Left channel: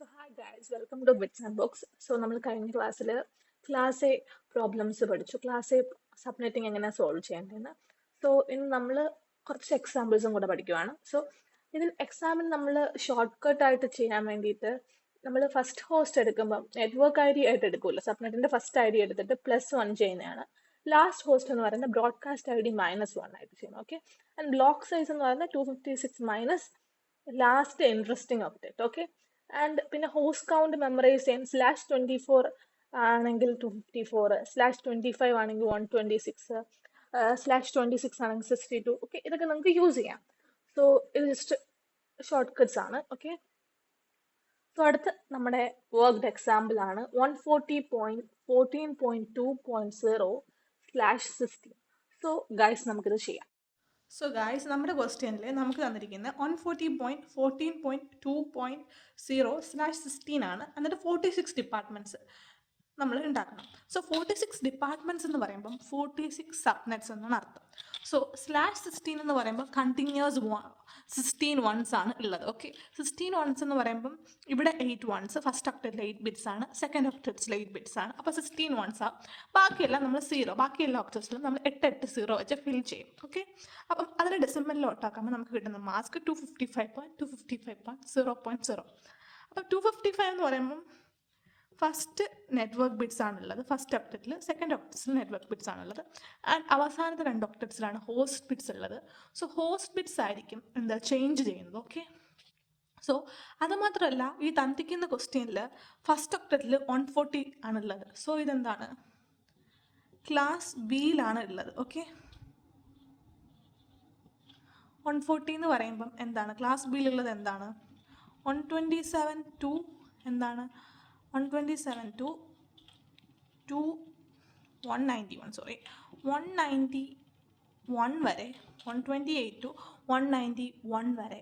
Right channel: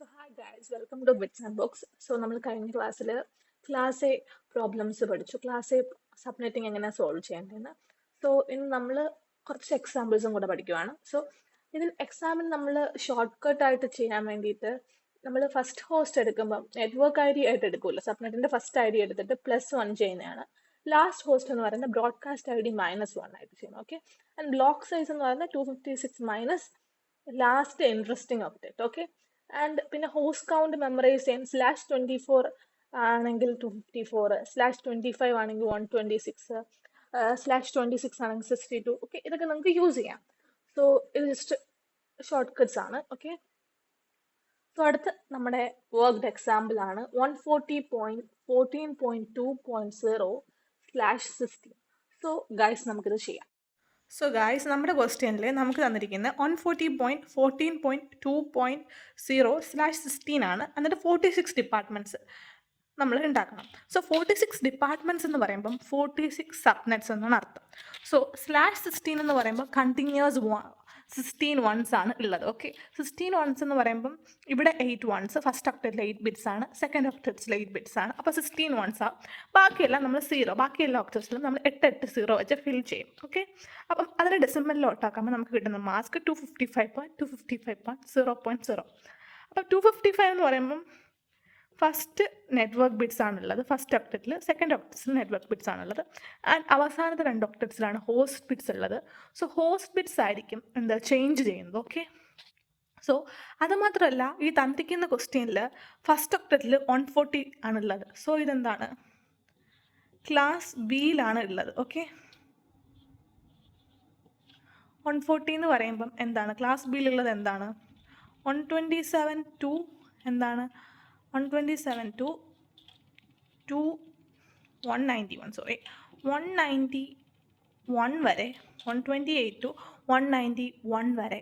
So hi guys, welcome to Bits and Books. So നമ്മൾ കഴിഞ്ഞ class A problems പഠിച്ചു. Class A subnetting എങ്ങനെ solve ചെയ്യേണ്ടതെന്ന്. So ഇന്ന് നമ്മൾ കുറച്ച് എക്സാമ്പിൾസും കൂടെ പഠിക്കുവാണ്. സോ ഇതിൽ എക്സാമിന് നമ്മൾ ഷോർട്ട് കട്ട് ആയിട്ട് ചെയ്യാൻ വേണ്ടിയിട്ട് നമ്മൾ ഫസ്റ്റ് ഹോസ്റ്റ് എടുക്കുമ്പോൾ നെറ്റ്വർക്ക് ഐ ഡി ആയിട്ട് എടുക്കുമല്ലോ. സബ്നെറ്റിന്റെ ഫസ്റ്റ് ഐ ഡി എടുത്തിട്ട് +1 ചെയ്യുന്നതാണ്. ലാസ്റ്റ് ഹോസ്റ്റ് എന്ന് പറയുന്നത് ബ്രോഡ്കാസ്റ്റ് ഐ ഡി -1 ആയിട്ട് ചെയ്യുന്നത്. ഓക്കെ, ആൻഡ് ബ്ലോക്ക് സൈസ് എന്ന് പറയുന്നത് 256 minus last interesting octet. Okay, and പിന്നെ ഹോസ്റ്റ് കൗണ്ട് മെമ്മറൈസ് ചെയ്യാൻ /24 ആണെങ്കിൽ 254, /25 ആണെങ്കിൽ 126, /26 ആണെങ്കിൽ 62. ഓക്കെ, ഇതൊക്കെ നമുക്ക് യൂസ് ചെയ്യാം. സോ ഇത് ജസ്റ്റ് ഷോർട്ട് കട്ട്സ് ആണ്. ഓക്കെ, സോ അടുത്ത് നമ്മുടെ വർക്ക്ഡ് എക്സാമ്പിൾ ആണ് 140.14.2.0/16. സോ ഗൈസ് നമുക്കിത് ചെയ്യാം. സോ ഗായ്സ്, നമ്മുടെ ക്വസ്റ്റ്യനിൽ നമുക്ക് തന്നിരിക്കുന്നത് 140.14.2.0/16 ആണ്. എന്നിട്ട് 46 ഡിപ്പാർട്ട്മെൻറ്റ്സ് നമ്മൾ ഉണ്ടാക്കണം. സോ 46 ഡിപ്പാർട്ട്മെൻറ്റ്സ് എന്ന് പറയുമ്പം 46 സബ്നെറ്റ്സ് എന്നാണ് അർത്ഥം. സോ /16 എന്ന് പറയുമ്പോൾ കണ്ടിന്യൂസ് 16 വൺസ് ആണ് ഉള്ളത്. ഓക്കെ, 16 വൺസ് എന്ന് പറയുമ്പം ഇവിടെ 8 വൺസ്, ഫസ്റ്റ് ഒക്ടറ്റിൽ 8 ബിറ്റ്സ് ആണ്, സെക്കൻഡ് ഒക്ടറ്റ്സിൽ 8 ബിറ്റ്സ് ആണ്. അപ്പോൾ 16 വൺസ് ആണ്. ബാക്കിയെല്ലാം നമ്മൾ 0, ബാക്കി എല്ലാ ഒക്ടറ്റ്സിലും നമ്മൾ 8 0 വെച്ച് ഫിൽ ചെയ്യും. ഓക്കെ, അപ്പം അതിന് ഡെസിമലിലോട്ടാക്കുമ്പോൾ നമുക്ക് കിട്ടുന്ന മാസ്ക് 255.255.0.0. അപ്പം 255 എന്ന് പറയുമ്പം ഫസ്റ്റ് നെറ്റ്വർക്ക് ബിറ്റ്സ് ആണുള്ളത്, ഫസ്റ്റ് ഒക്ടറ്റിൽ. സെക്കൻഡ് ഒക്ടറ്റ്സിൽ നെറ്റ്വർക്ക് ബിറ്റ്സ് ആണുള്ളത്. ആൻഡ് അവസാനത്തെ 2 ഒക്ടറ്റ്സിലാണ് ഹോസ്റ്റ് ബിറ്റ്സ് ഉള്ളത്. സോ ഹോസ്റ്റ് ബിറ്റ്സ് ആയിരിക്കും ചേഞ്ച് ചെയ്യുന്നത്. ഓക്കെ, സോ അതുമാത്രമല്ല, ഈ തന്നിരിക്കുന്ന ക്വസ്റ്റ്യനിൽ ഫസ്റ്റ് ഒക്ടറ്റിൽ 140 ആണുള്ളത്. സോ ഇതെന്താണ്, ക്ലാസ് ബിയിലാണ് ഉള്ളത്. ഓക്കെ, 140 എന്ന് പറയുമ്പം എന്താണ്, ക്ലാസ് ബിയിലുള്ളത് എന്താണ്, 127 ടു എന്താണ് 127 ടു 191, സോറി 191 വരെ, 128 ടു 191 വരെ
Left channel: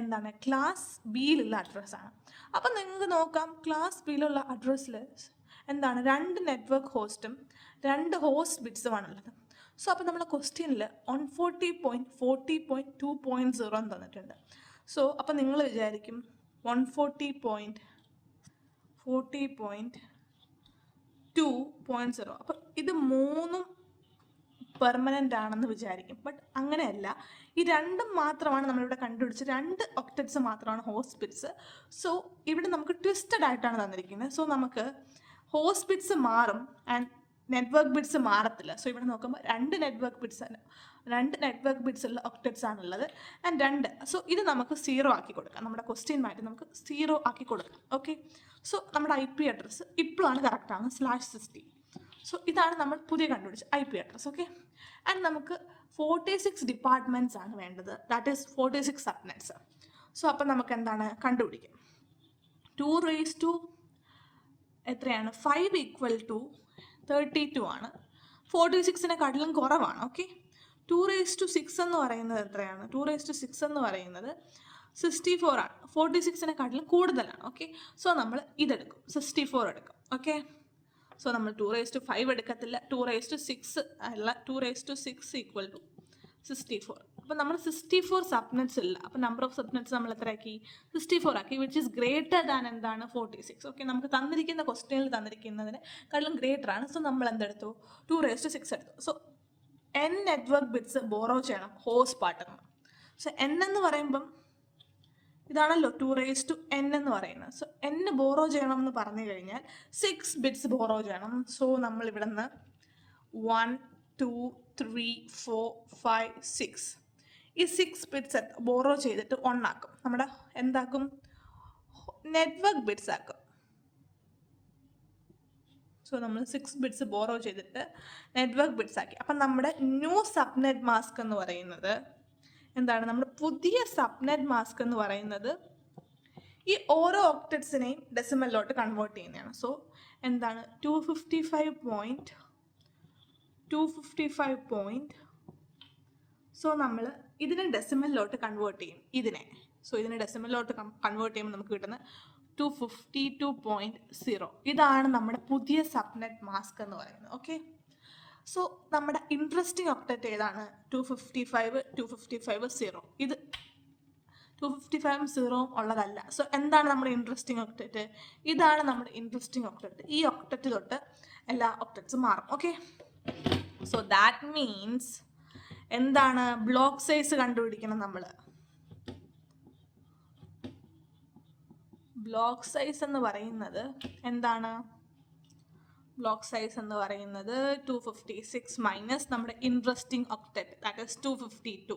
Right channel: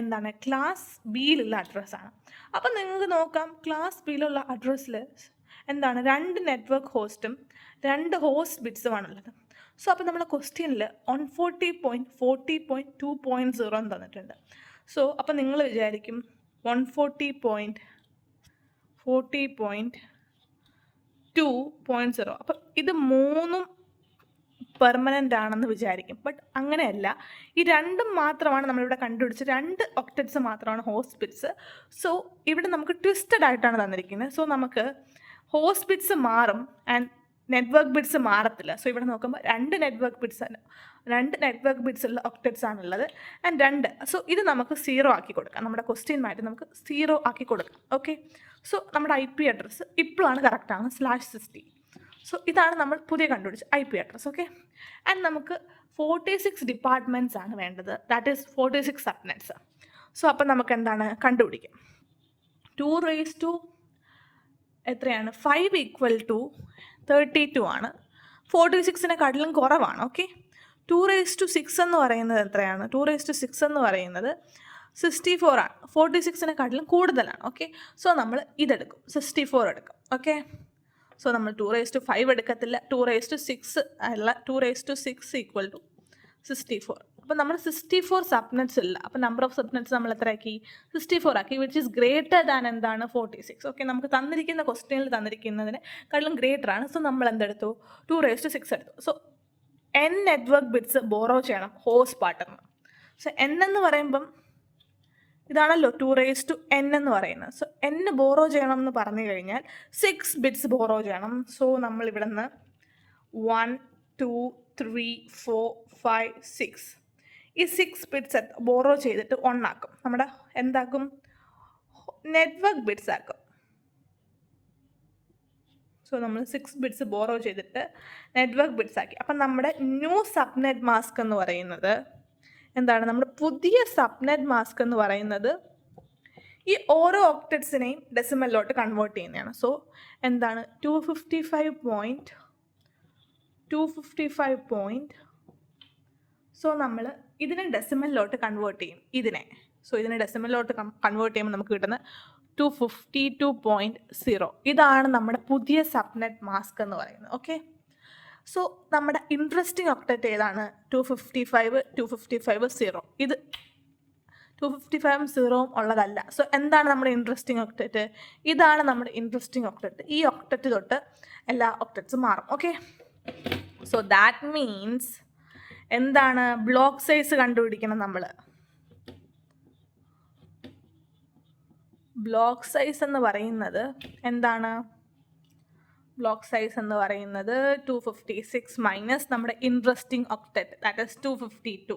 എന്താണ് ക്ലാസ് ബിയിലുള്ള അഡ്രസ്സാണ്. അപ്പം നിങ്ങൾക്ക് നോക്കാം, ക്ലാസ് ബിയിലുള്ള അഡ്രസ്സിൽ എന്താണ് 2 നെറ്റ്വർക്ക് ഹോസ്റ്റും 2 ഹോസ്റ്റ് ബിറ്റ്സുമാണുള്ളത്. സോ അപ്പോൾ നമ്മുടെ ക്വസ്റ്റ്യനിൽ 140.40.2.0 എന്ന് തന്നിട്ടുണ്ട്. സോ അപ്പോൾ നിങ്ങൾ വിചാരിക്കും 140.40.2.0, അപ്പം ഇത് മൂന്നും പെർമനൻ്റ് ആണെന്ന് വിചാരിക്കും. ബട്ട് അങ്ങനെയല്ല, ഈ രണ്ടും മാത്രമാണ് നമ്മളിവിടെ കണ്ടുപിടിച്ച് 2 ഒക്ടറ്റ്സ് മാത്രമാണ് ഹോസ്റ്റ് ബിറ്റ്സ്. സോ ഇവിടെ നമുക്ക് ട്വിസ്റ്റഡ് ആയിട്ടാണ് തന്നിരിക്കുന്നത്. സോ നമുക്ക് ഹോസ്റ്റ് ബിറ്റ്സ് മാറും ആൻഡ് നെറ്റ്വർക്ക് ബിറ്റ്സ് മാറത്തില്ല. സോ ഇവിടെ നോക്കുമ്പോൾ 2 നെറ്റ്വർക്ക് ബിറ്റ്സ് ഉള്ള ഒക്ടറ്റ്സ് ആണുള്ളത് ആൻഡ് 2. സോ ഇത് നമുക്ക് 0 ആക്കി കൊടുക്കാം. നമ്മുടെ ക്വസ്റ്റ്യൻ മാറ്റി നമുക്ക് 0 ആക്കി കൊടുക്കാം. ഓക്കെ, സോ നമ്മുടെ IP അഡ്രസ്സ് ഇപ്പോഴാണ് കറക്റ്റാണ് /60. സോ ഇതാണ് നമ്മൾ പുതിയ കണ്ടുപിടിച്ച IP അഡ്രസ്സ്. ഓക്കെ, ആൻഡ് നമുക്ക് 46 ഡിപ്പാർട്ട്മെൻറ്റ്സ് ആണ് വേണ്ടത്, ദാറ്റ് ഈസ് 46 സബ്നെറ്റ്സ്. സോ അപ്പം നമുക്ക് എന്താണ് കണ്ടുപിടിക്കാം, 2 എത്രയാണ് 5 = 32 ആണ്. 46-നെക്കാട്ടിലും കുറവാണ്. ഓക്കെ, 2 6 എന്ന് പറയുന്നത് എത്രയാണ്, 2 6 എന്ന് പറയുന്നത് 64 ആണ്. 46-നെക്കാട്ടിലും കൂടുതലാണ്. ഓക്കെ, സോ നമ്മൾ ഇതെടുക്കും, 64 എടുക്കും. ഓക്കെ, സോ നമ്മൾ 2 5 എടുക്കത്തില്ല, 2 6 അല്ല, 2 6 = 64. അപ്പം നമ്മൾ 64 സബ്നെറ്റ്സ് ഇല്ല. അപ്പം നമ്പർ ഓഫ് സബ്നെറ്റ്സ് നമ്മൾ എത്ര ആക്കി, 64 ആക്കി, വിച്ച് ഈസ് ഗ്രേറ്റർ ദാൻ എന്താണ് 46. ഓക്കെ, നമുക്ക് തന്നിരിക്കുന്ന ക്വസ്റ്റ്യനിൽ തന്നിരിക്കുന്നതിനെക്കാളും ഗ്രേറ്റർ ആണ്. സോ നമ്മൾ എന്തെടുത്തു, 2 6 എടുത്തു. So n network bits borrow ചെയ്യണം ഹോസ്റ്റ് പാർട്ട്ണർ. സോ n എന്ന് പറയുമ്പം ഇതാണല്ലോ 2n എന്ന് പറയുന്നത്. സോ n ബോറോ ചെയ്യണം എന്ന് പറഞ്ഞു കഴിഞ്ഞാൽ 6 ബിറ്റ്സ് ബോറോ ചെയ്യണം. സോ നമ്മൾ ഇവിടെ നിന്ന് 1 2 3 4 5 6 ഈ 6 ബിറ്റ്സ് ബോറോ ചെയ്തിട്ട് 1 ആക്കും. നമ്മുടെ എന്താക്കും, നെറ്റ്വർക്ക് ബിറ്റ്സ് ആക്കും. സോ നമ്മൾ 6 ബിറ്റ്സ് ബോറോ ചെയ്തിട്ട് നെറ്റ്വർക്ക് ബിറ്റ്സ് ആക്കി. അപ്പം നമ്മുടെ ന്യൂ സബ്നെറ്റ് മാസ്ക് എന്ന് പറയുന്നത് എന്താണ്, നമ്മുടെ പുതിയ സബ്നെറ്റ് മാസ്ക് എന്ന് പറയുന്നത് ഈ ഓരോ ഒക്ടറ്റ്സിനെയും ഡെസിമലിലോട്ട് കൺവേർട്ട് ചെയ്യുന്നതാണ്. സോ എന്താണ് 255. സോ നമ്മൾ ഇതിനെ ഡെസിമലിലോട്ട് കൺവേർട്ട് ചെയ്യും, ഇതിനെ. സോ ഇതിനെ ഡെസിമലിലോട്ട് കൺവേർട്ട് ചെയ്യുമ്പോൾ നമുക്ക് കിട്ടുന്നത് 252.0. ഇതാണ് നമ്മുടെ പുതിയ സബ്നെറ്റ് മാസ്ക് എന്ന് പറയുന്നത്. ഓക്കെ, സോ നമ്മുടെ ഇൻട്രസ്റ്റിംഗ് ഒക്ടറ്റ് ഏതാണ്, 255 0. ഇത് 255 സീറോവും ഉള്ളതല്ല. സോ എന്താണ് നമ്മുടെ ഇൻട്രസ്റ്റിംഗ് ഒക്ടറ്റ്? ഇതാണ് നമ്മുടെ ഇൻട്രസ്റ്റിംഗ് ഒക്ടറ്റ്. ഈ ഒക്ടറ്റ് തൊട്ട് എല്ലാ ഒക്ടറ്റ്സും മാറും. ഓക്കെ, സോ ദാറ്റ് മീൻസ് എന്താണ്? ബ്ലോക്ക് സൈസ് കണ്ടുപിടിക്കണം നമ്മൾ. ബ്ലോക്ക് സൈസ് എന്ന് പറയുന്നത് എന്താണ്? ബ്ലോക്ക് സൈസ് എന്ന് പറയുന്നത് 256 മൈനസ് നമ്മുടെ interesting octet, that is 252.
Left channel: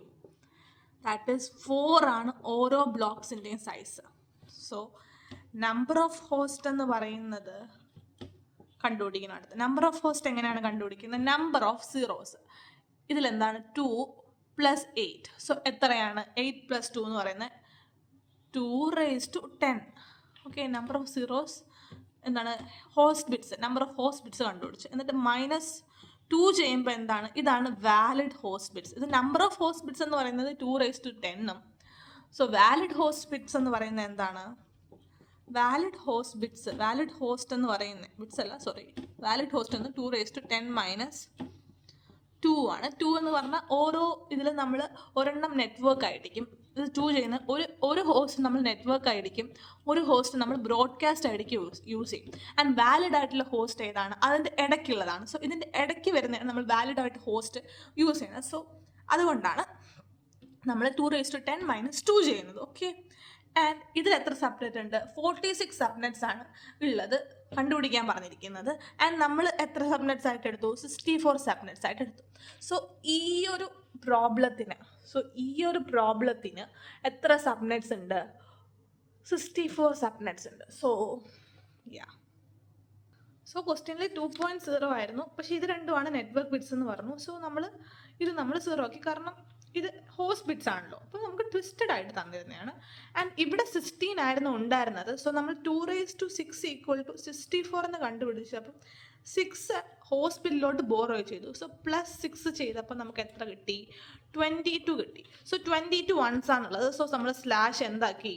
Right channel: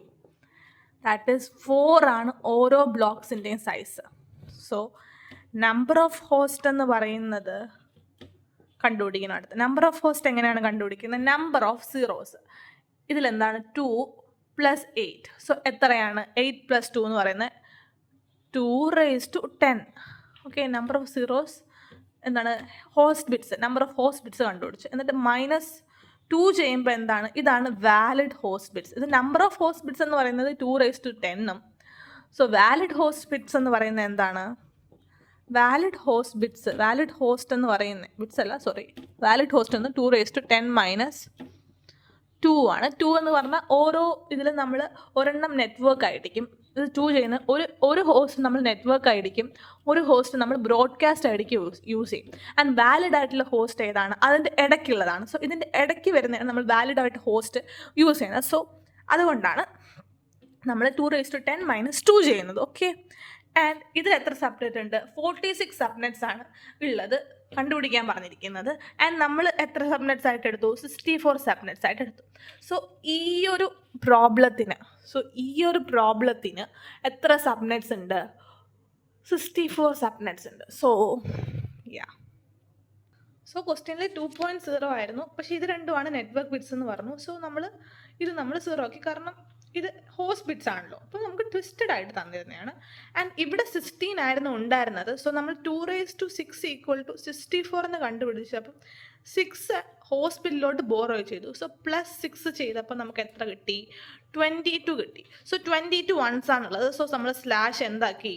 That is 4 ആണ് ഓരോ ബ്ലോക്സിൻ്റെയും size. So number of host എന്ന് പറയുന്നത് കണ്ടുപിടിക്കണം. അടുത്ത് നമ്പർ ഓഫ് ഹോസ്റ്റ് എങ്ങനെയാണ് കണ്ടുപിടിക്കുന്നത്? Number of zeros. ഇതിലെന്താണ്? 2 + 8. സോ എത്രയാണ് 8 + 2 എന്ന് പറയുന്നത്? 2⁻10. ഓക്കെ, നമ്പർ ഓഫ് സീറോസ് എന്താണ്? Host bits, number of host bits കണ്ടുപിടിച്ചു. എന്നിട്ട് -2 ചെയ്യുമ്പോൾ എന്താണ്? ഇതാണ് വാലിഡ് ഹോസ്റ്റ് ബിറ്റ്സ്. ഇത് നമ്പർ ഓഫ് ഹോസ്റ്റ് ബിറ്റ്സ് എന്ന് പറയുന്നത് 2⁻10ഉം. സോ വാലിഡ് ഹോസ്റ്റ് ബിറ്റ്സ് എന്ന് പറയുന്നത് എന്താണ്? Valid host bits, valid host എന്ന് പറയുന്നത് ബിറ്റ്സ് അല്ല, സോറി, വാലിഡ് ഹോസ്റ്റ് എന്ന് 2⁻10 - 2 ആണ്. 2 എന്ന് പറഞ്ഞാൽ ഓരോ ഇതിൽ നമ്മൾ ഒരെണ്ണം നെറ്റ്വർക്ക് ആയിരിക്കും. ഇത് 2 ചെയ്യുന്ന ഒരു ഹോസ്റ്റ് നമ്മൾ നെറ്റ്വർക്ക് ആയിരിക്കും, ഒരു ഹോസ്റ്റ് നമ്മൾ ബ്രോഡ്കാസ്റ്റ് ആയിരിക്കും യൂസ് ചെയ്യും. ആൻഡ് വാലിഡ് ആയിട്ടുള്ള ഹോസ്റ്റ് ഏതാണ്? അതിൻ്റെ ഇടയ്ക്കുള്ളതാണ്. സോ ഇതിൻ്റെ ഇടയ്ക്ക് വരുന്നതാണ് നമ്മൾ വാലിഡ് ആയിട്ട് ഹോസ്റ്റ് യൂസ് ചെയ്യുന്നത്. സോ അതുകൊണ്ടാണ് നമ്മൾ 2⁻10 - 2 ചെയ്യുന്നത്. ഓക്കെ, ആൻഡ് ഇതിൽ എത്ര സബ്നെറ്റ് ഉണ്ട്? 46 സബ്നെറ്റ്സ് ആണ് ഉള്ളത് കണ്ടുപിടിക്കാൻ പറഞ്ഞിരിക്കുന്നത്. ആൻഡ് നമ്മൾ എത്ര സബ്നെറ്റ്സ് ആയിട്ട് എടുത്തു? 64 സബ്നെറ്റ്സ് ആയിട്ട് എടുത്തു. സോ ഈ ഒരു പ്രോബ്ലത്തിന് എത്ര സബ്നെറ്റ്സ് ഉണ്ട്? 64 സബ്നെറ്റ്സ് ഉണ്ട്. സോ ക്വസ്റ്റ്യനിൽ 2.0 ആയിരുന്നു, പക്ഷേ ഇത് രണ്ടുമാണ് നെറ്റ്വർക്ക് ബിറ്റ്സ് എന്ന് പറഞ്ഞു. സോ നമ്മൾ 0 ആക്കി, കാരണം ഇത് ഹോസ്റ്റ് ബിറ്റ്സ് ആണല്ലോ. അപ്പോൾ നമുക്ക് ട്വിസ്റ്റഡ് ആയിട്ട് തന്നിരുന്നതാണ്. ആൻഡ് ഇവിടെ 16 ആയിരുന്നു ഉണ്ടായിരുന്നത്. സോ നമ്മൾ 2⁻6 = 64 എന്ന് കണ്ടുപിടിച്ചു. അപ്പം 6 ഹോസ്റ്റ് ബില്ലിലോട്ട് ബോറോ ചെയ്തു. സോ +6 ചെയ്തപ്പോൾ നമുക്ക് എത്ര കിട്ടി? 22 കിട്ടി. സോ 22 വൺസ് ആണുള്ളത്. സോ നമ്മൾ സ്ലാഷ് എന്താക്കി?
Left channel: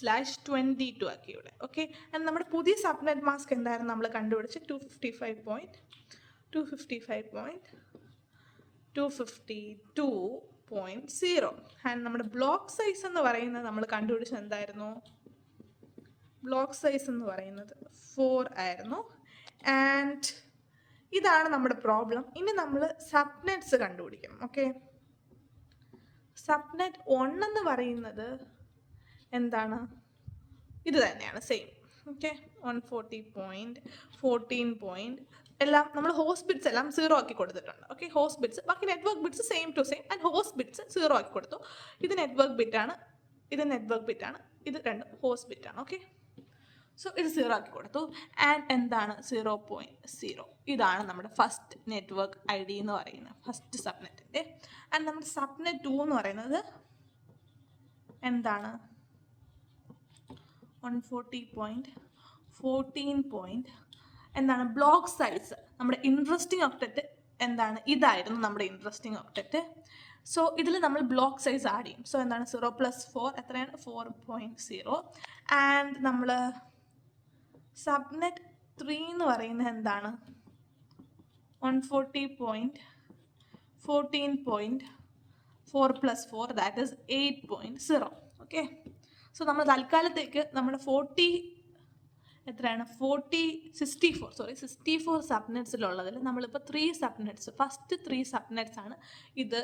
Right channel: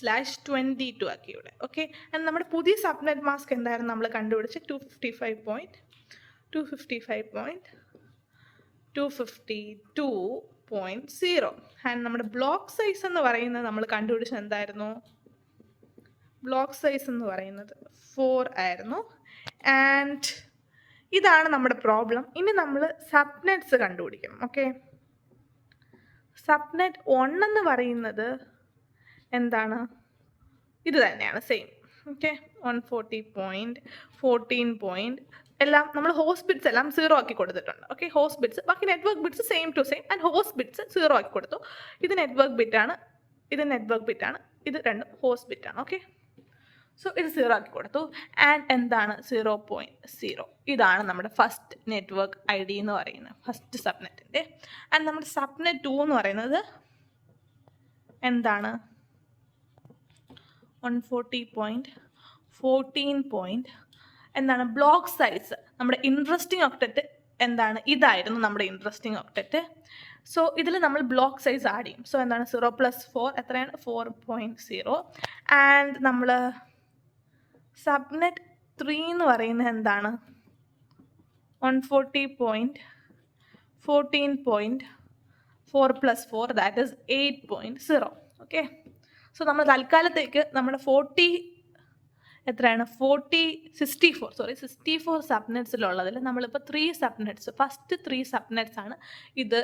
/22 ആക്കി ഇവിടെ. ഓക്കെ, ആൻഡ് നമ്മുടെ പുതിയ സബ്നെറ്റ് മാസ്ക് എന്തായിരുന്നു നമ്മൾ കണ്ടുപിടിച്ച്? 255.252.0. ആൻഡ് നമ്മുടെ ബ്ലോക്ക് സൈസ് എന്ന് പറയുന്നത് നമ്മൾ കണ്ടുപിടിച്ചത് എന്തായിരുന്നു? ബ്ലോക്ക് സൈസ് എന്ന് പറയുന്നത് 4 ആയിരുന്നു. ആൻഡ് ഇതാണ് നമ്മുടെ പ്രോബ്ലം. ഇനി നമ്മൾ സബ്നെറ്റ്സ് കണ്ടുപിടിക്കണം. ഓക്കെ, സബ്നെറ്റ് 1 എന്ന് പറയുന്നത് എന്താണ്? ഇത് തന്നെയാണ്, സെയിം. ഓക്കെ, 140.14. എല്ലാം നമ്മൾ ഹോസ്റ്റ് ബിറ്റ്സ് എല്ലാം 0 ആക്കി കൊടുത്തിട്ടുണ്ട്. ഓക്കെ, ഹോസ്റ്റ് ബിറ്റ്സ്, ബാക്കി network bits same to same. And host bits 0 ആക്കി കൊടുത്തു. ഇത് നെറ്റ്വർക്ക് ബിറ്റാണ്, ഇത് നെറ്റ്വർക്ക് ബിറ്റാണ്, ഇത് രണ്ടും ഹോസ്റ്റ് ബിറ്റാണ്. ഓക്കെ, സോ ഇത് 0 ആക്കി കൊടുത്തു. ആൻഡ് എന്താണ്? 0.0. ഇതാണ് നമ്മുടെ ഫസ്റ്റ് നെറ്റ്വർക്ക് ID എന്ന് പറയുന്നത്, ഫസ്റ്റ് സബ്നെറ്റിൻ്റെ. ആൻഡ് നമ്മുടെ സബ്നെറ്റ് 2 എന്ന് പറയുന്നത് എന്താണ്? 140.14. എന്താണ് ബ്ലോക്ക് സൈസ്? നമ്മുടെ ഇൻട്രസ്റ്റിംഗ് ഒക്ടറ്റ് എന്താണ്? ഇതായിരുന്നു നമ്മുടെ ഇൻട്രസ്റ്റിംഗ് ഒക്ടറ്റ്. സോ ഇതിൽ നമ്മൾ ബ്ലോക്ക് സൈസ് ആഡ് ചെയ്യും. സോ എന്താണ്? 0 + 4 എത്രയാണ്? 4.0. ആൻഡ് നമ്മൾ സബ്നെറ്റ് 3 എന്ന് പറയുന്നത് എന്താണ്? 140.14.4 + 4, ദാറ്റ് ഈസ് 8.0. ഓക്കെ, സോ നമ്മൾ തൽക്കാലത്തേക്ക് നമ്മുടെ 64 സബ്നെറ്റ്സിലുള്ളതിൽ നമ്മളിപ്പോൾ 3 സബ്നെറ്റ്സ്, ഫസ്റ്റ് 3 സബ്നെറ്റ്സ് ആണ് ഇത്.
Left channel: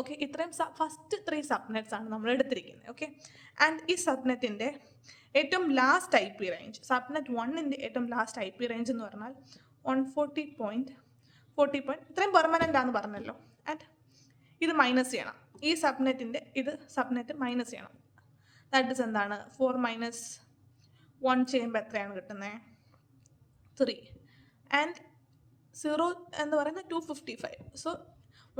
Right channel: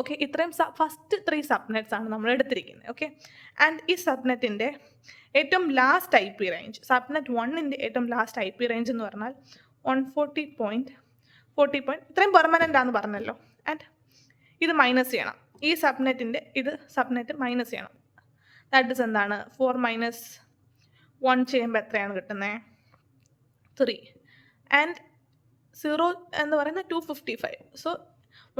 ഓക്കെ, ഇത്രയും ഫസ്റ്റ് 3 സബ്നെറ്റ്സ് ആണ് നമ്മൾ എടുത്തിരിക്കുന്നത്. ഓക്കെ, ആൻഡ് ഈ സബ്നെറ്റിൻ്റെ ഏറ്റവും ലാസ്റ്റ് IP റേഞ്ച്, സബ്നെറ്റ് 1ൻ്റെ ഏറ്റവും ലാസ്റ്റ് IP റേഞ്ച് എന്ന് പറഞ്ഞാൽ 140.40. ഇത്രയും പെർമനൻ്റ് ആണെന്ന് പറഞ്ഞല്ലോ. ആൻഡ് ഇത് മൈനസ് ചെയ്യണം. ഈ സബ്നെറ്റിൻ്റെ സബ്നെറ്റ് മൈനസ് ചെയ്യണം. ദാറ്റ് ഇസ് എന്താണ്? 4 - 1 ചെയ്യുമ്പോൾ എത്രയാണ് കിട്ടുന്നത്? 3. ആൻഡ് 0 എന്ന് പറയുന്നത് 255. സോ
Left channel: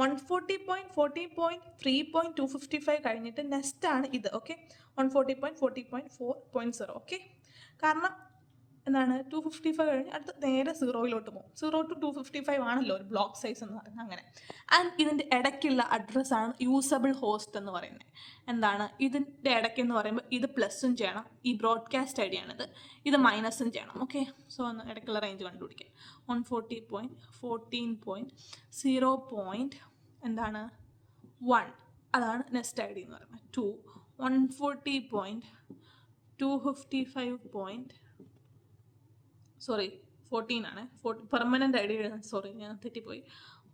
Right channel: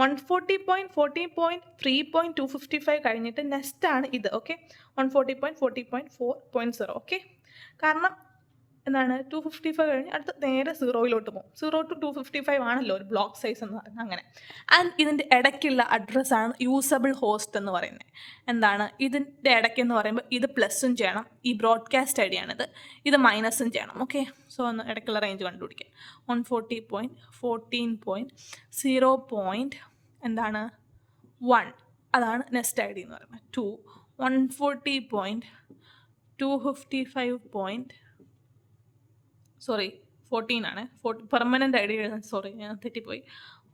140.14.3.255 കഴിഞ്ഞിട്ട് നെക്സ്റ്റ് ആണ് ഇത്. ഓക്കെ, 140.40.4.0. ഓക്കെ, കാരണം എന്താണ്? 255 കഴിഞ്ഞ് അടുത്ത് നേരെ 0-ലോട്ട് പോകും. 0 to 255 ആണല്ലോ ഒരു ബ്ലോക്ക് സൈസ് എന്ന് പറയുന്നത്, അങ്ങനെ. ആൻഡ് ഇതിൻ്റെ ഇടയ്ക്കുള്ള അഡ്രസ്സാണ് യൂസബിൾ ഹോസ്റ്റ് എന്ന് പറയുന്നത്. എന്താണ് ഇതിൻ്റെ ഇടയ്ക്ക് എന്ന് പറയുമ്പോൾ ഇത് പ്ലസും ചെയ്യണം, ഈ ബ്രോഡ്കാസ്റ്റ് ID ആണിത്, ഇത് മൈനസും ചെയ്യണം. ഓക്കെ, സോ ഒന്ന് ഇടയ്ക്കുള്ള റേഞ്ച് കണ്ടുപിടിക്കാം. 140.14.0. എന്താണ്? 1, അതാണ് നെക്സ്റ്റ് ID എന്ന് പറയുന്നത്. 2, 14 ആണ്, പെർമനൻ്റ് ഐ ഡി എഴുതാൻ, സോറി ഞാൻ തെറ്റിപ്പോയി.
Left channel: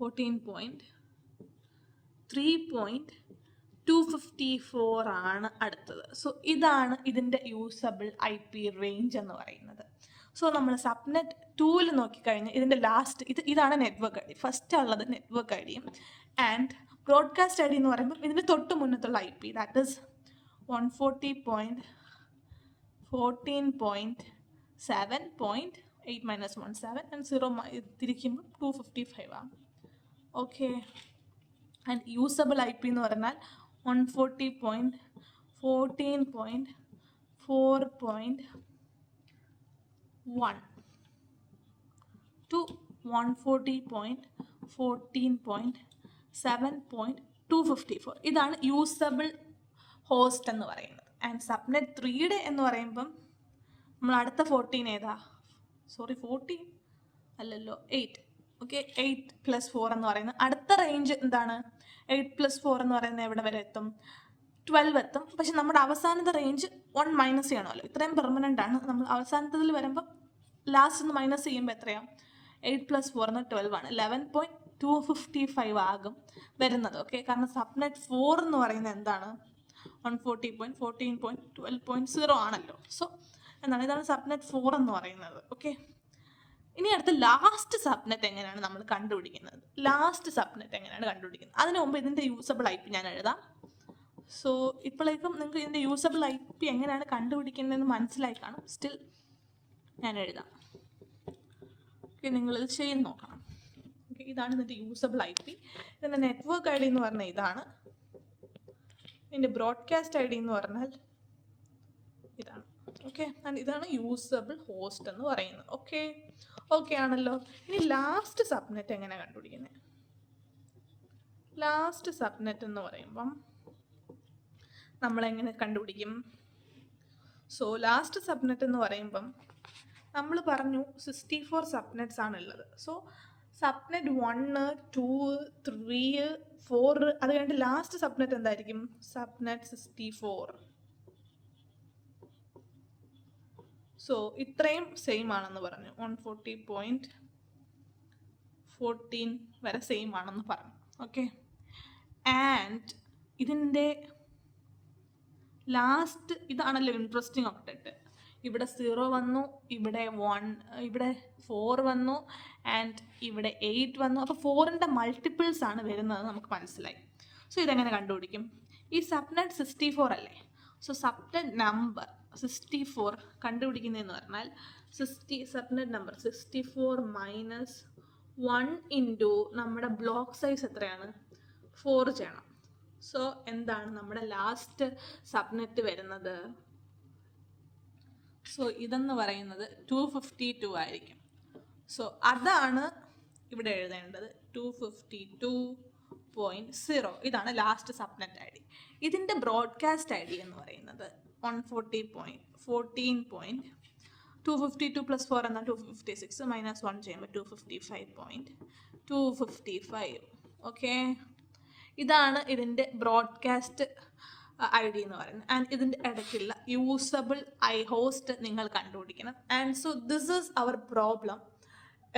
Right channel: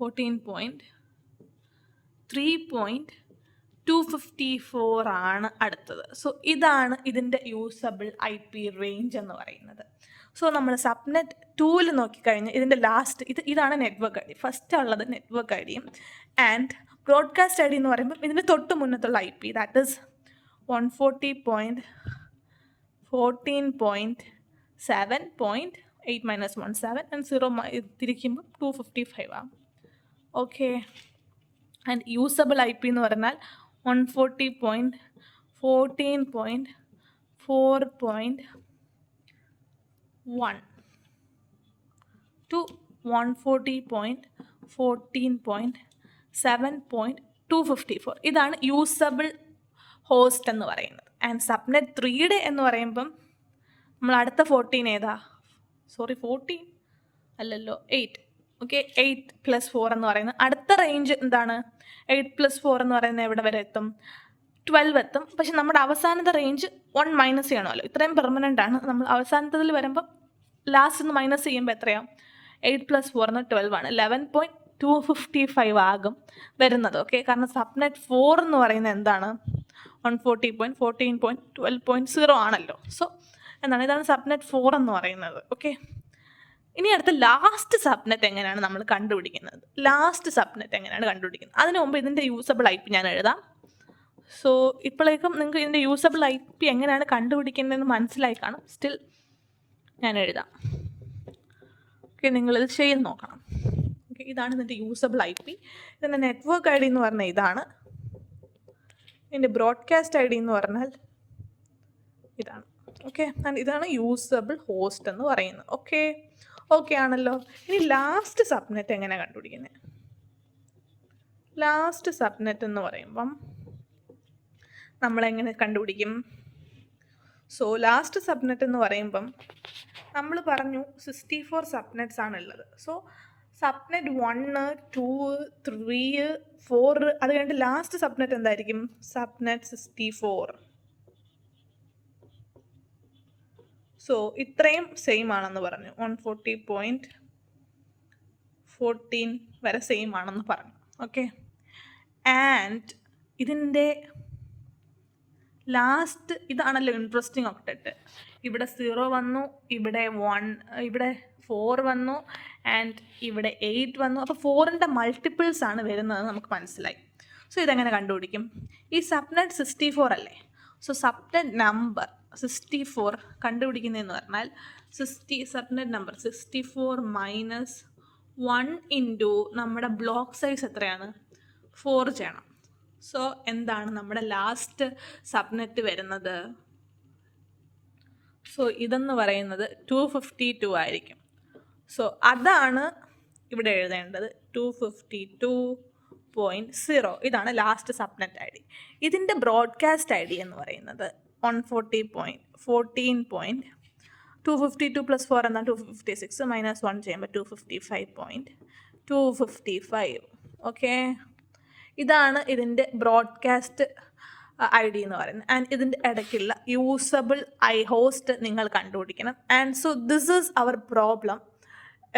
14.3.254 ആണ് അടുത്തത്. സോ ഇതാണ് ഇതിൻ്റെ യൂസബിൾ IP റേഞ്ച് എന്ന് പറയുന്നത്. സോ നമ്മൾ സബ്നെറ്റ് 2ൽ നോക്കിക്കഴിഞ്ഞാൽ ഇതിൻ്റെ ലാസ്റ്റ് ഇതാണ് നെറ്റ്വർക്ക് ഐ ഡി. ഫസ്റ്റ് ഉള്ളത് നെറ്റ്വർക്ക് ഐ ഡിയും ആൻഡ് ബ്രോഡ്കാസ്റ്റ് ഐ ഡി എന്ന് പറയുമ്പോൾ ഇതിൻ്റെ തൊട്ട് മുന്നത്തുള്ള IP, ദാറ്റ് ഈസ് 140.14.7.8 - 1 7 ആൻഡ് 0 തിരിക്കുമ്പോൾ 255 ആണ്. ഓക്കെ, ആൻഡ് യൂസബിൾ IP എന്ന് പറഞ്ഞാൽ 140.14.4.1 to 140.14.7.254. ഇതാണ് യൂസബിൾ ഹോസ്റ്റ് എന്ന് പറയുന്നത്. ആൻഡ് സബ്നെറ്റ് 3യുടെ എന്ന് പറയുമ്പം നമ്മൾ അടുത്ത 14 ഏതാ? 14 അല്ലല്ലോ, 8. ഓക്കെ, 8+4 എന്ന് പറയുന്നത് അടുത്ത റേഞ്ച് എന്താണ്? 8+4 എന്ന് പറയുന്നത് എവിടെ വരെ എത്തും? 12 എത്തും. പക്ഷെ നമ്മുടെ അവസാനത്തെ റേഞ്ച് 1 മൈനസ് ചെയ്യണമല്ലോ, ഇത്രയും പെർമനൻ്റ് ആണ്. നമ്മൾ അവസാനത്തിൽ വരുമ്പോൾ ലാസ്റ്റ് ഒന്ന് മൈനസ് ചെയ്യുമ്പോൾ എത്രയാണ്? 8+4 12 ആണ്. 11.255 ആകും വരുന്നത്. ഓക്കെ, കാരണം സബ്നെറ്റ് 4 എന്ന് പറയുന്നത് എന്താണ്? 140.14.12.0 ആണല്ലോ. സോ എന്താണ്, ഇതാണ് സബ്നെറ്റ് 4 എന്ന് പറയുന്നത്. ഓക്കെ, ഇനി അടുത്ത ലാസ്റ്റ് സബ്നെറ്റ് എങ്ങനെയാണ് നമ്മൾ കണ്ടുപിടിക്കുന്നത്? അതിന് മുമ്പ് ഇതിൻ്റെ യൂസബിൾ IP ഞാൻ എഴുതാം. സോ ഇപ്പോഴേക്കും നിങ്ങൾക്ക് ഇതിൻ്റെ യൂസബിൾ IP എങ്ങനെയാണ് കണ്ടുപിടിക്കുന്നതെന്ന് മനസ്സിലായി കാണും. സ്റ്റിൽ ഞാൻ എഴുതാം. ഓക്കെ, നിങ്ങളിത് ചെയ്ത് നോക്കണം. ഓക്കെ, ഇതാണ് ഇതിൻ്റെ യൂസബിൾ IP. ഇതിൻ്റെ നെറ്റ്വർക്ക് ഐ ഡി എന്ന് പറഞ്ഞാൽ ഇതാണ്. ഇതിൻ്റെ ബ്രോഡ്കാസ്റ്റ് ഐ ഡി എന്ന് പറഞ്ഞാൽ ഇതാണ്. ഓക്കെ, ആൻഡ് ഇതാണ് യൂസബിൾ ഹോസ്റ്റ് എന്ന് പറയുന്നത്. ഓക്കെ ആണല്ലോ. ഇനി ലാസ്റ്റ് സബ്നെറ്റ് എങ്ങനെ കണ്ടുപിടിക്കുന്നത്? ലാസ്റ്റ് സബ്നെറ്റ് എന്ന് പറയുമ്പം നമ്മളെങ്ങനെ കണ്ടുപിടിക്കും? സോ ലാസ്റ്റ് സബ്നെറ്റ് എന്ന് പറയുമ്പം നമ്മൾ പറഞ്ഞു 64 സബ്നെറ്റ്സ് ആണുള്ളത്. സോ സബ്നെറ്റ് 1, 2, 3, 4, അത് കഴിഞ്ഞിട്ട് ലാസ്റ്റ് സബ്നെറ്റ് എന്തായിരിക്കും? സബ്നെറ്റ് 64. സോ ഇത്രയും സെയിം ആണെന്ന് പറഞ്ഞു. 140.14 വരെ സെയിം ആണെന്ന് പറഞ്ഞു. ഓക്കെ, ആൻഡ് ഇതിൻ്റെ ലാസ്റ്റ് ഇതാണല്ലോ ഇൻട്രസ്റ്റിംഗ് ഒക്ടറ്റ്. ഇവിടെ 0 വന്നു, ഇവിടെ 1, ഇവിടെ 4 വന്നു, ആൻഡ് ഇവിടെ 8 വന്നു. അപ്പോൾ 4ൻ്റെ മൾട്ടിപ്പിൾസ് ആണ് വരുന്നത് നമുക്ക് മനസ്സിലായി. സോ ഇതെങ്ങനെ കണ്ടുപിടിക്കും? ഈ സബ്നെറ്റ് 64 അല്ലേ? സോ സബ്നെറ്റ് നമ്പർ 64 കണ്ടുപിടിക്കുന്നതെന്ന് പറഞ്ഞാൽ സബ്നെറ്റ് നമ്പർ 64 മൈനസ് 1 ഇൻറ്റു നമ്മുടെ ബ്ലോക്ക് സൈസ് എത്രയാണ്? 4 ചെയ്യണം. സോ എന്താണ് നമ്മുടെ ലാസ്റ്റ് സബ്നെറ്റ് വരുന്നത്? സോ ഇതെന്ന് പറയുന്നത് 252 ആയിരിക്കും. സോ അതാണ് ഇവിടെ എഴുതേണ്ടത്, 252.0. ഇതാണ് ലാസ്റ്റ് സബ്നെറ്റ് ഐ ഡി. ഇതിൻ്റെ ബ്രോഡ്കാസ്റ്റ് ഐ ഡി എന്ന് പറയുന്നത് 140.14.252 + 4 എന്നാൽ 256 - 1 ചെയ്യുമ്പോൾ 255.255. ഓക്കെ, ഇതാണ് ഇതിൻ്റെ ബ്രോഡ്കാസ്റ്റ് ഐ ഡി എന്ന് പറയുന്നത്. ആൻഡ് ഇതിൻ്റെ ഇടയ്ക്കുള്ള യൂസബിൾ ഹോസ്റ്റ് നിങ്ങൾ കണ്ടുപിടിക്കണം. And so this is our problem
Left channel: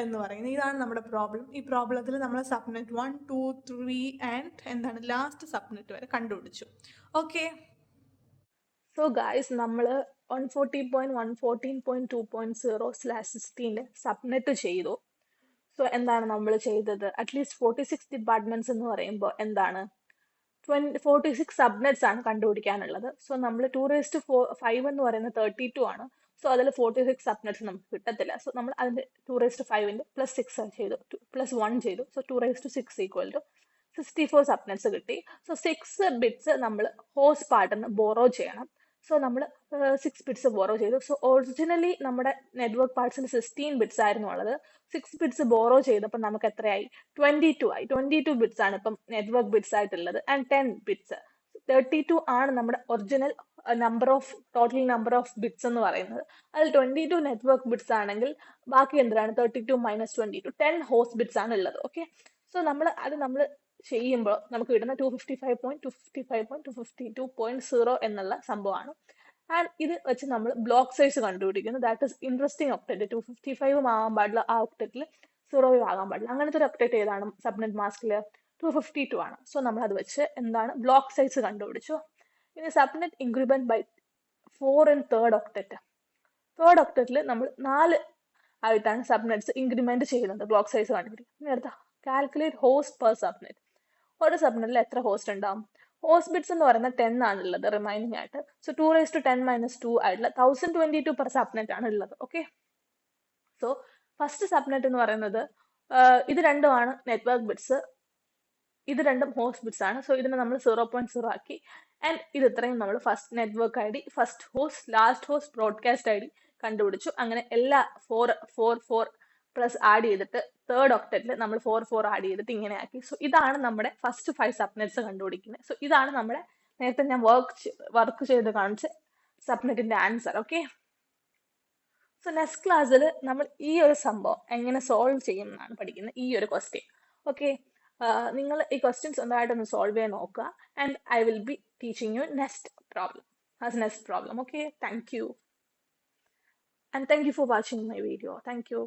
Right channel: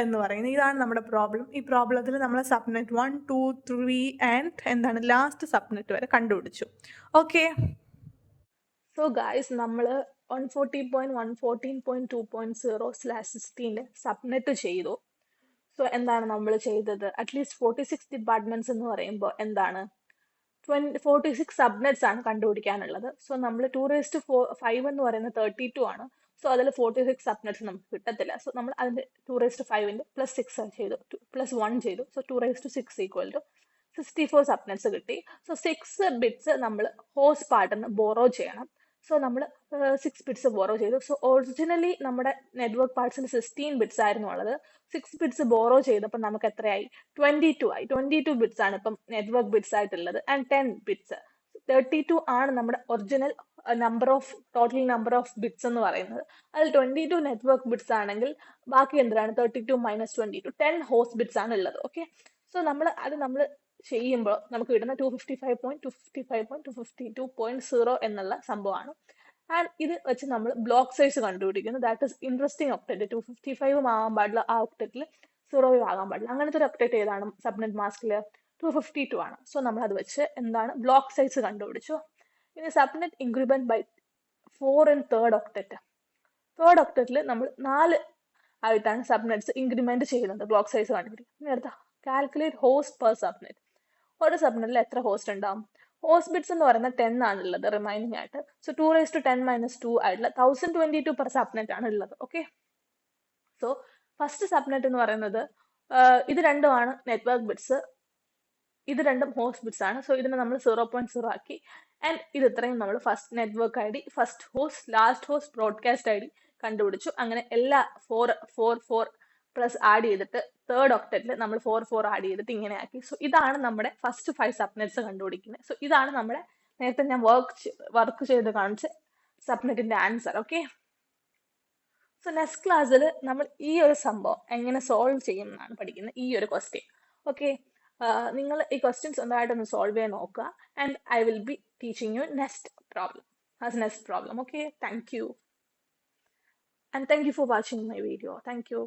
എന്ന് പറയുന്നത്. ഇതാണ് നമ്മുടെ പ്രോബ്ലം. ഈ പ്രോബ്ലത്തിൽ നമ്മൾ സബ്നെറ്റ് 1, 2, 3 ആൻഡ് എന്താണ് ലാസ്റ്റ് സബ്നെറ്റ് വരെ കണ്ടുപിടിച്ചു. ഓക്കെ, സോ ഗായ്സ്, നമ്മൾ 140.114.2.0/16 സബ്നെറ്റ് ചെയ്തു. സോ എന്താണ് നമ്മൾ ചെയ്തത്? അറ്റ്ലീസ്റ്റ് 46 ഡിപ്പാർട്ട്മെന്റ്സ് എന്ന് പറയുമ്പോൾ എന്താണ് 46 സബ്നെറ്റ്സ് ആണ് കണ്ടുപിടിക്കാനുള്ളത്. സോ നമ്മൾ 2⁵ എന്ന് പറയുന്നത് 32 ആണ്. സോ അതിൽ 46 സബ്നെറ്റ്സ് നമുക്ക് കിട്ടത്തില്ല. സോ നമ്മൾ അതിൻ്റെ 2⁵ +6 ചെയ്തു, +1 ചെയ്തു. സോ 2⁶ = 64 സബ്നെറ്റ്സ് കിട്ടി. സോ 6 ബിറ്റ്സ് നമ്മൾ ഹോസ്റ്റ് പാർട്ടിൽ നിന്ന് ബോറോ ചെയ്യണം. സോ നമ്മൾ 6 ബിറ്റ്സ് ബോറോ ചെയ്തു. സോ ഒറിജിനലി നമ്മുടെ നെറ്റ്വർക്ക് പാർട്സിൽ 16 ബിറ്റ്സ് ആയിരുന്നു ഉള്ളത്. 6 ബിറ്റ്സ് ബോറോ ചെയ്തപ്പോൾ നമുക്ക് എത്രയായി? 22 ആയി. 22 ബിറ്റ്സ് ആണ് ഇപ്പം നെറ്റ്വർക്ക് ബിറ്റ്സ് ആയിട്ടുള്ളത്. ആൻഡ് 10 ബിറ്റ്സ് 32 ആണ് നമ്മുടെ original total number of bits എന്ന് പറയുന്നത്. അതിൽ 22 നെറ്റ്വർക്ക് ബിറ്റ്സ് ആണെങ്കിൽ ബാക്കി എന്തിനാണ്? 32 - 22 10 ഹോസ്റ്റ് ബിറ്റ്സ് ആണ് ഉള്ളത്. ഓക്കെ, സോ നമ്മൾ ചെയ്യുമ്പോൾ നമുക്ക് കിട്ടുന്ന 255.255.252.0 എന്നുള്ള സംഭവമാണ്. ആൻഡ് ഇത് വെച്ച് നമ്മൾ ബ്ലോക്ക് സൈസ് കണ്ടുപിടിക്കുന്നു. That is interesting octet. 255 ആകാൻ പാടില്ല, ആ ഒക്ടറ്റിൽ 0 ആകാൻ പാടില്ല. അങ്ങനത്തെ ഒരു ഒക്ടറ്റ് ഏതാണ്? സബ്നെറ്റ് മാസ്കിൽ 252 ആണ്. സോ നമ്മൾ അത് വെച്ച് എന്താണ് ബ്ലോക്ക് സൈസ് കണ്ടുപിടിച്ചു. ഇനി subnet increment by 4 in third octet. Third ഒക്ടറ്റിൽ നമ്മൾ 4 ആയിട്ടാണ് സബ്നെറ്റ്സ് ഇൻക്രിമെന്റ് ചെയ്യുന്നത് ബ്ലോക്ക് സൈസ് കണ്ടുപിടിക്കും. ഇനി അടുത്ത കാൽക്കുലേറ്റ് ഹോസ്റ്റ് പെർ സബ്നെറ്റ്. ഒരു സബ്നെറ്റിൽ എത്ര ഹോസ്റ്റ് ഉണ്ടാവും? ഹോസ്റ്റ് ബിറ്റ്സ് എന്ന് പറയുന്നത് 10 ആണുള്ളത് റിമൈനിങ് ആയിട്ട്. സോ 2⁻10⁻2 ആയിട്ടുള്ള 1022 പെർ സബ്നെറ്റ് ആണ് ഉള്ളത്. ഓക്കെ, സോ ഫസ്റ്റ് സബ്നെറ്റ് എന്ന് പറയുന്നത് ഇത് രണ്ടുമാണ് നെറ്റ്വർക്ക് ബിറ്റ്സ്, ഇത് രണ്ടും ഹോസ്റ്റ് ബിറ്റ്സ് ആണ്. സോ ഇതിനെ നമ്മൾ 0.0 ആക്കി. ആൻഡ് ഇത് ഇത്രയും നമ്മൾ first network I D, first host, last host, broadcast I D കണ്ടുപിടിച്ചു. അങ്ങനെ എല്ലാ 4 പ്ലസ് ആഡ് ചെയ്തിട്ട് തേർഡ് ഒക്ടറ്റിൽ നമ്മൾ 4 ആഡ് ചെയ്തിട്ട് ഇങ്ങനെ ആക്കി. സോ ഇതാണ് നമ്മുടെ ഫസ്റ്റ് 5 സബ്നെറ്റ്സ് കണ്ടുപിടിക്കുന്നത്. സോ ഇതാണ് നമ്മുടെ നേരത്തെ ഞാൻ വർക്ക് ചെയ്ത് കാണിച്ച സബ്നെറ്റിന്റെ ആൻസർ. ഓക്കെ, സോ നെക്സ്റ്റ് ക്ലാസ്സിൽ നമ്മൾ ഈ ഒരു സംഭവം എങ്ങനെ സോൾവ് ചെയ്യും എന്നാണ് പഠിക്കുന്നത്, ഈ ഒരു ക്വസ്റ്റ്യൻ. ഓക്കെ, നിങ്ങൾ ഈ ക്വസ്റ്റ്യൻസ് സ്വന്തമായിട്ടൊന്ന് സോൾവ് ചെയ്യാൻ നോക്കുക. And I will be teaching you next problem. Okay, thank you. And thank you for watching my video. Thank you.